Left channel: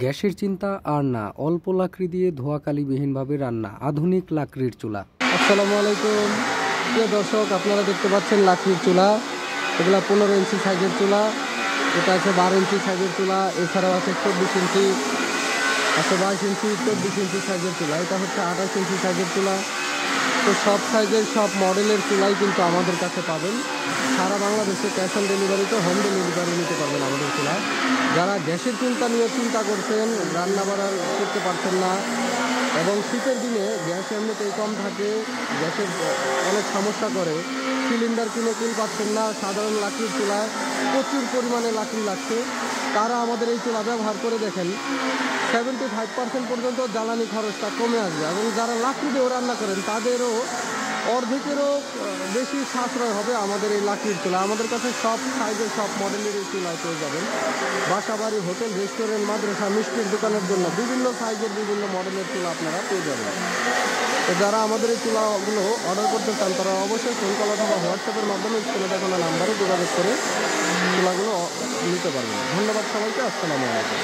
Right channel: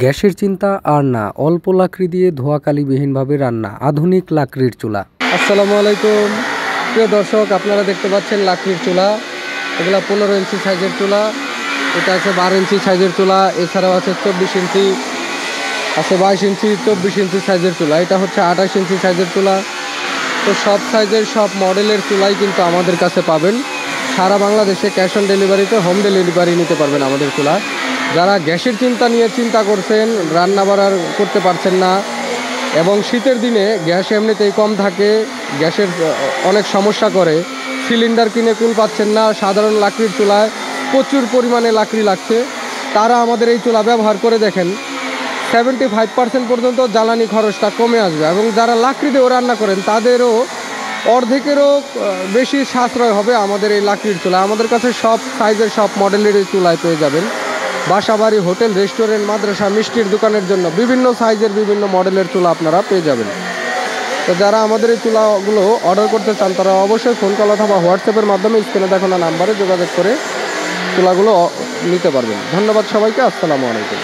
গ্যাসের চিন্তা আর না, অল্প লাকড়ি দিয়ে ধোঁয়াকালিবিহীনভাবে রান্না, আধুনিক লাকড়ির চুলা। আসসালামু আলাইকুম প্রিয় দর্শক, আপনারা দেখতে পাচ্ছেন লাকড়ির চুলা। এগুলা 15 ইঞ্চি সাইজের চুলা, এটা আছে 12 ইঞ্চি সাইজের চুলা, এছাড়াও আছে 24 ইঞ্চি, আছে 22 ইঞ্চি, 24 ইঞ্চি সাইজের চুলা, এটা হচ্ছে 28 ইঞ্চি সাইজের চুলা। তো সব সাইজের সব মডেলের চুলাই কিন্তু আমাদের কাছে পাবেন। সারা বাংলাদেশে ক্যাশ অন ডেলিভারিতে হোম ডেলিভারি নিতে পারবেন আমাদের চুলা। যারা গ্যাসের চিন্তা করছেন, রান্না বাড়ার করতে পারছেন না, এবং শীতের দিনে গ্যাস এমনিতেই কম থাকে, গ্যাসের অনেক সমস্যা করে, সিলিন্ডার কিনে কুল পাচ্ছেন না, সাধারণ লাকড়ির চুলায় প্রচুর পরিমাণে লাকড়ি লাগছে, তারা আমাদের এই চুলা ব্যবহার করে দেখেন। 75% পর্যন্ত জ্বালানি খরচটা কমে আসবে, এবং যারা লাকড়ি দিয়েও রান্না করেন তাদেরও অর্ধেকেরও বেশি সাশ্রয় হবে আমাদের এই লাকড়ির চুলা। আমাদের কাছে সব সাইজের সব মডেলের এই চুলায় পেয়ে যাবেন। বাসাবাড়ি, হোটেল, রেস্টুরেন্ট, মাদ্রাসা, মিষ্টির দোকানের জন্য বিভিন্ন সাইজের বিভিন্ন মডেলের চুলা আপনারা পেয়ে যাবেন। তো যারা আমাদের এই চুলাগুলো অর্ডার করতে চান তারা অবশ্যই ফোন কল অথবা হোয়াটসঅ্যাপের মাধ্যমে স্ক্রিনে দেখানো নাম্বারে যোগাযোগ করে চুলাগুলো নিতে পারবেন। ধন্যবাদ সবাইকে। আসসালামু আলাইকুম।